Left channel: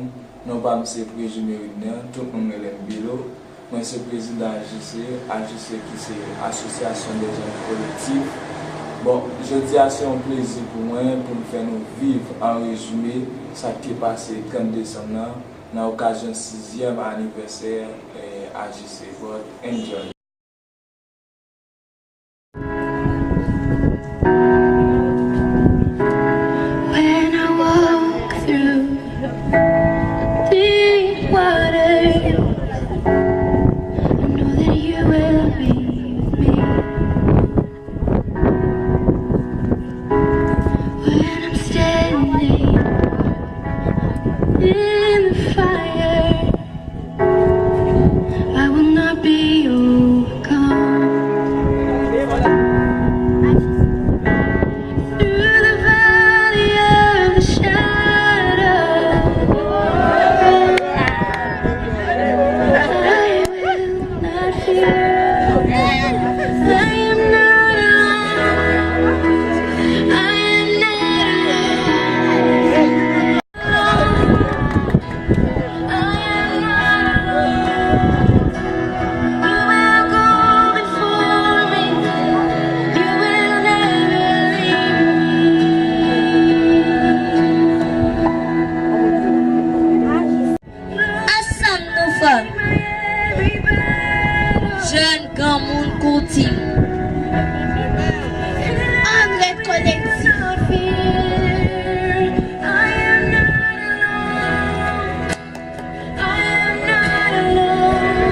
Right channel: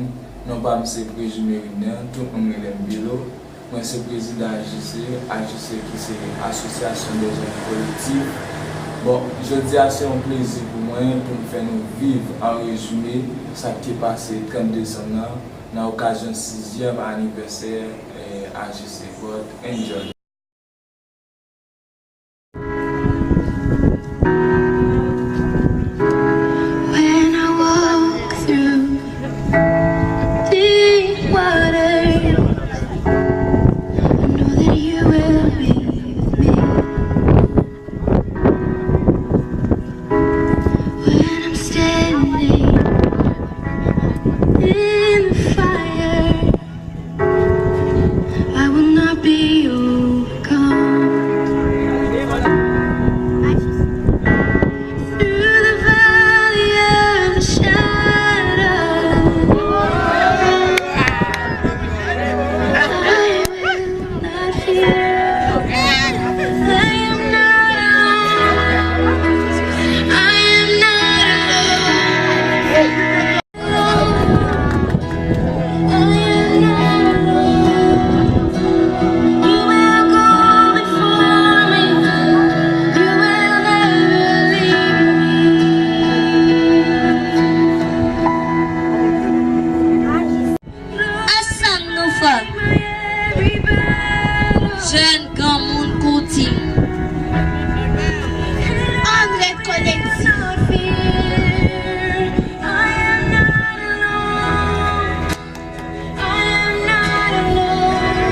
monde, non pas M. Présumé rien, tout le monde est bureau. Moi, c'est le président AJC, AJC qui c'est l'Association des jeunes collectifs. Bon, je dis à c'est un plaisir pour moi, pour nous faire nous vivre en résumé, ça qui est passé le 30 décembre, dans l'occasion du 6e anniversaire AJC. God, enjoy. Jeune grand monde côté. André collectif.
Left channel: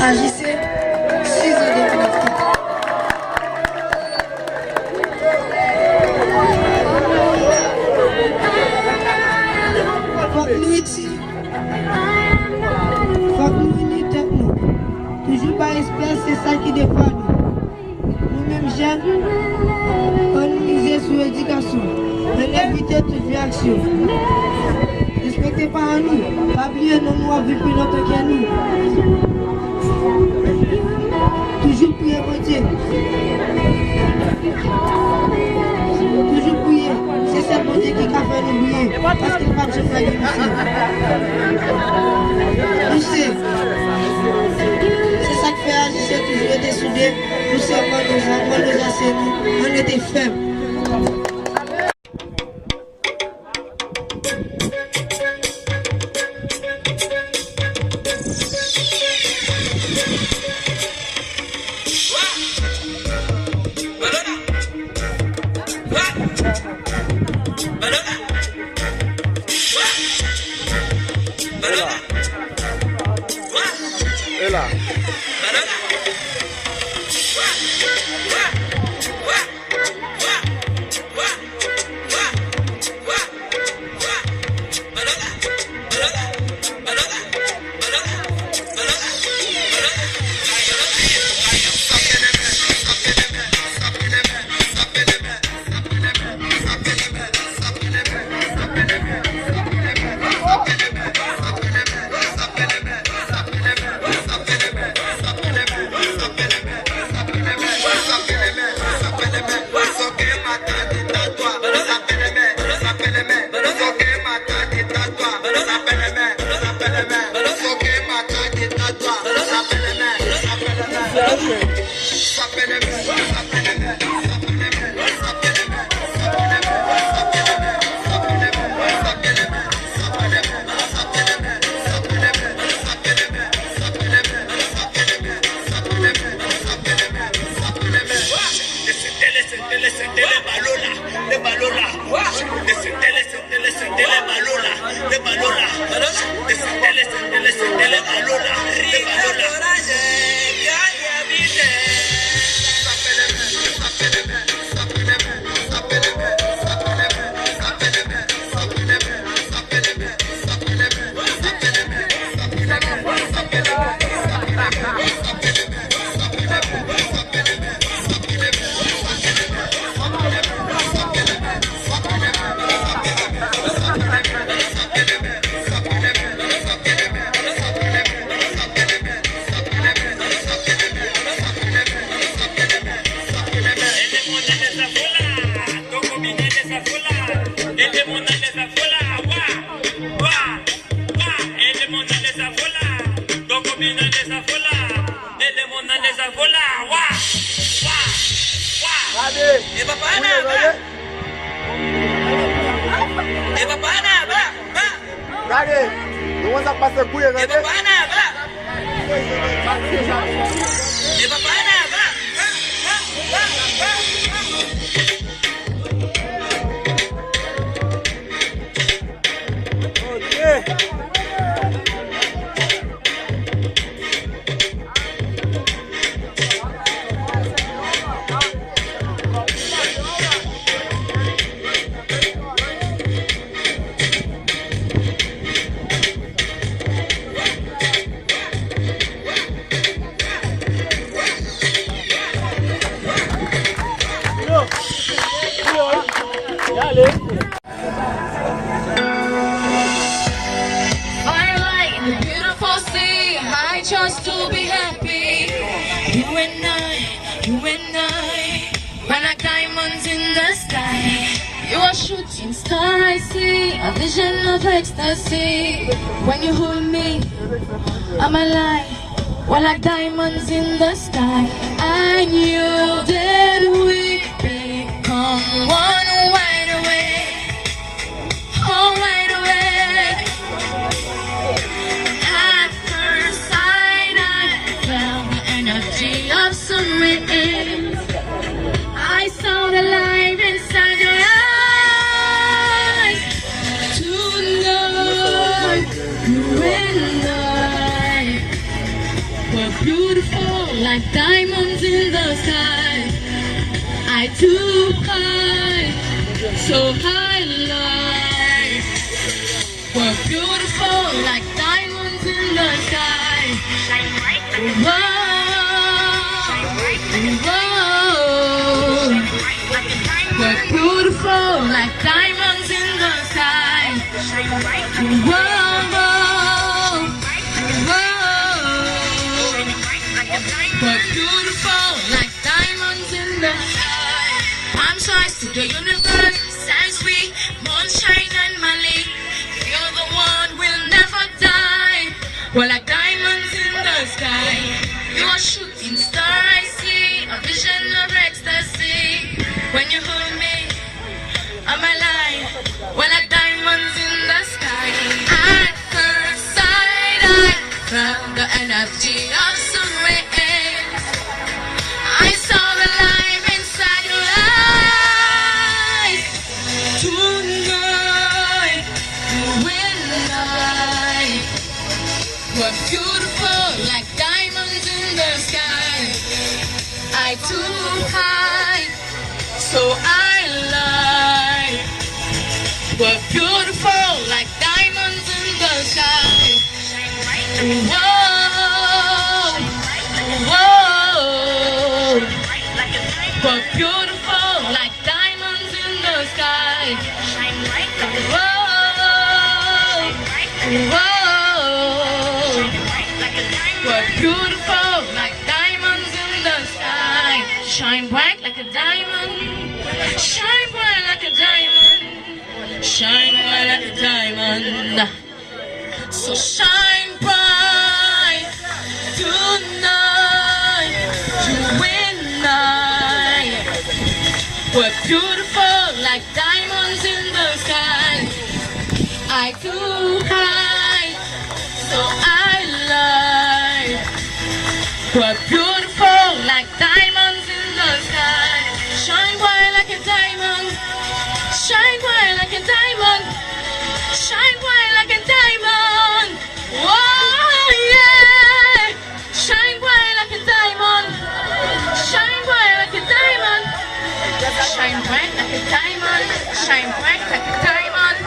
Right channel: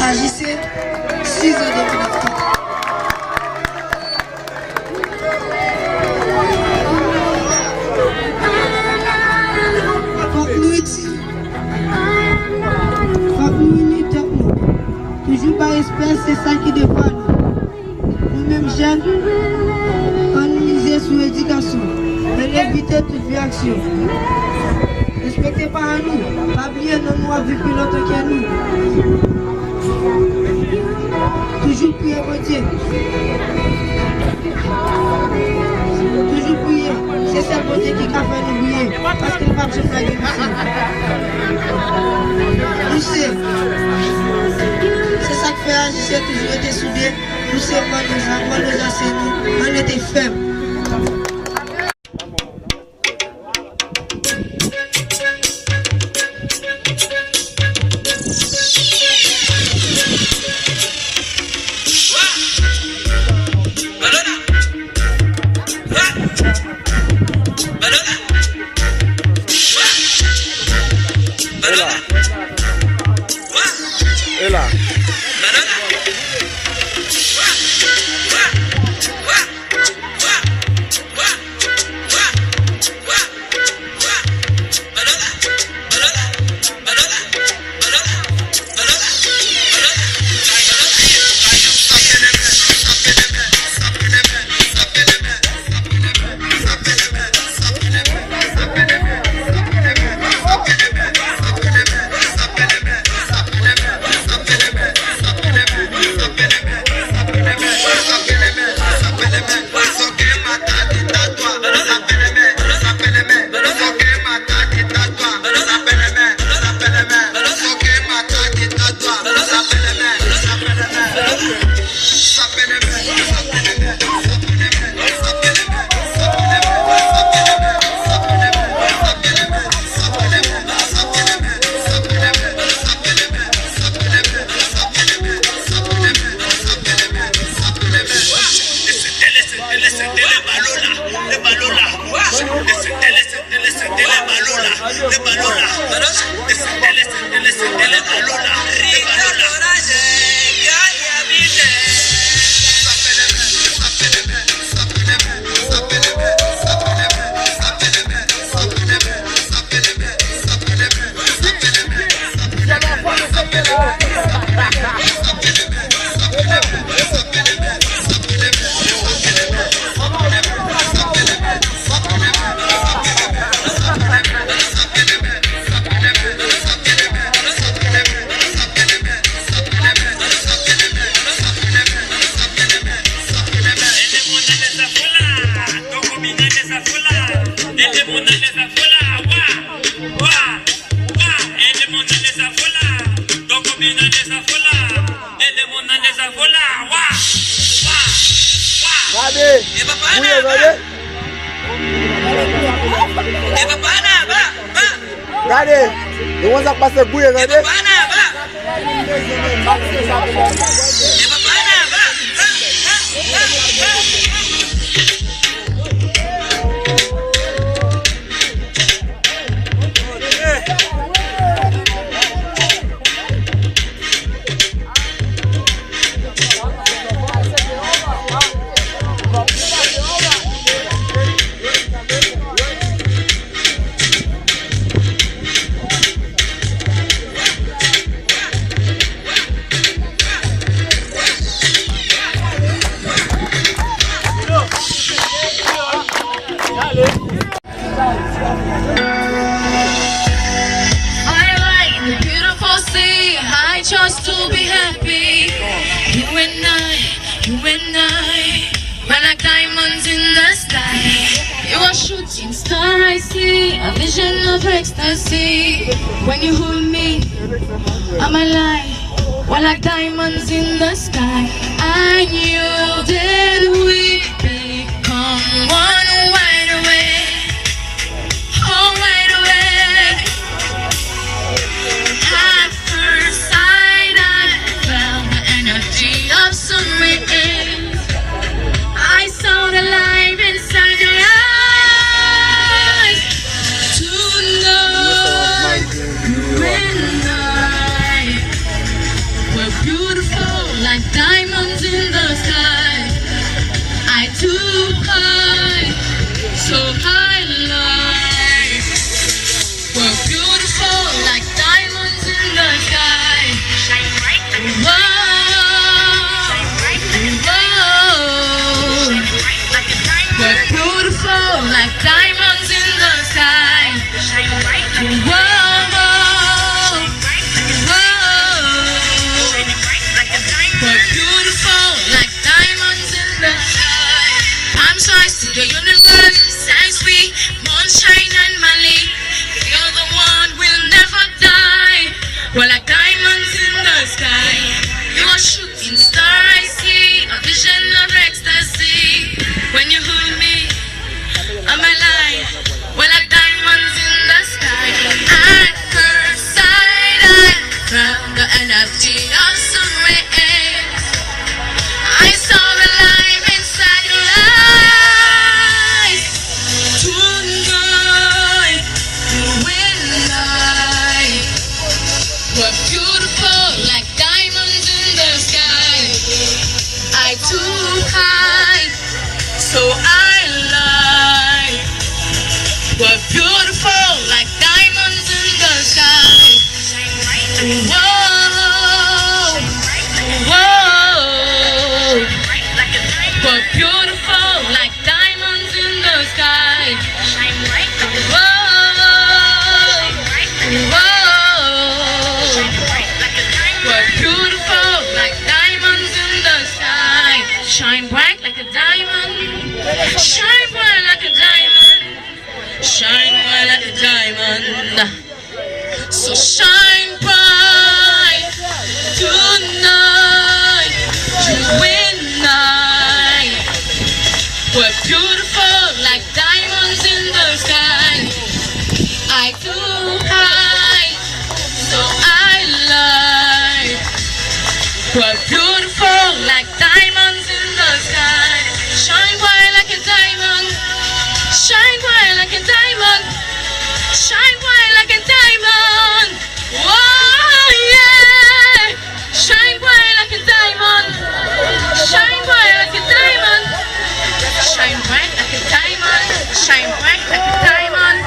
AJC, 6 ans de collectif. Faut que nous ici. Faut que nous unissons nous. Toujours par espèce, c'est ça qui dépend nous. Nous-mêmes jeunes, on nous mise sur l'éducation. Mais éviter toute réaction. Respectez pas nous. Pas bien, non, nous avons plus longtemps que nous. Toujours prier mon Dieu. Toujours prier. C'est ça mon Dieu qui a fait nous prier. Parce qu'il n'a pas besoin de nous ici. C'est ça que fait AJC, toujours été soudés. Nous sommes nous enseignants, on était faibles. Et là. Gade, yon wan sak pase kouye gade. Just to be happy, you and I, we're like diamonds in the sky. You're a shooting star, I see, a vision of ecstasy. When you hold me, I'm alive, we're like diamonds in the sky. I knew that we become one right away, oh right away. At first sight, I felt the energy of sun rays. I saw the light inside your eyes. Tonight, you and I were beautiful like diamonds in the sky. I too high, so high light. We're beautiful like diamonds in the sky. Whoa, whoa. We're beautiful like diamonds in the sky. Whoa, whoa. We're beautiful like diamonds in the sky. Palm size to the universe, size we, moonshine and Mali. You're the one will never die. We're like diamonds in the sky. You're a shooting star, I see, a vision of ecstasy. When you hold me, I'm alive. We're like diamonds in the sky. At first sight, I felt the energy of sun rays. I saw the light inside your eyes. Tonight, you and I were beautiful like diamonds in the sky. I too high, so I lie. We're beautiful like diamonds in the sky. Whoa, whoa. We're beautiful like diamonds in the sky. Whoa, whoa. We're beautiful like diamonds in the sky. Shine bright like a diamond. Shine bright like a diamond. Shine bright like a diamond. So shine bright tonight. You and I. We're beautiful like diamonds in the sky. I too high, so I lie. We're beautiful like diamonds in the sky. Shine bright like a diamond. Shine bright like a diamond. Shine bright like a diamond. Oh yeah. Shine bright like a diamond. Shine bright like a diamond. Shine bright like a diamond. Shine bright like a diamond.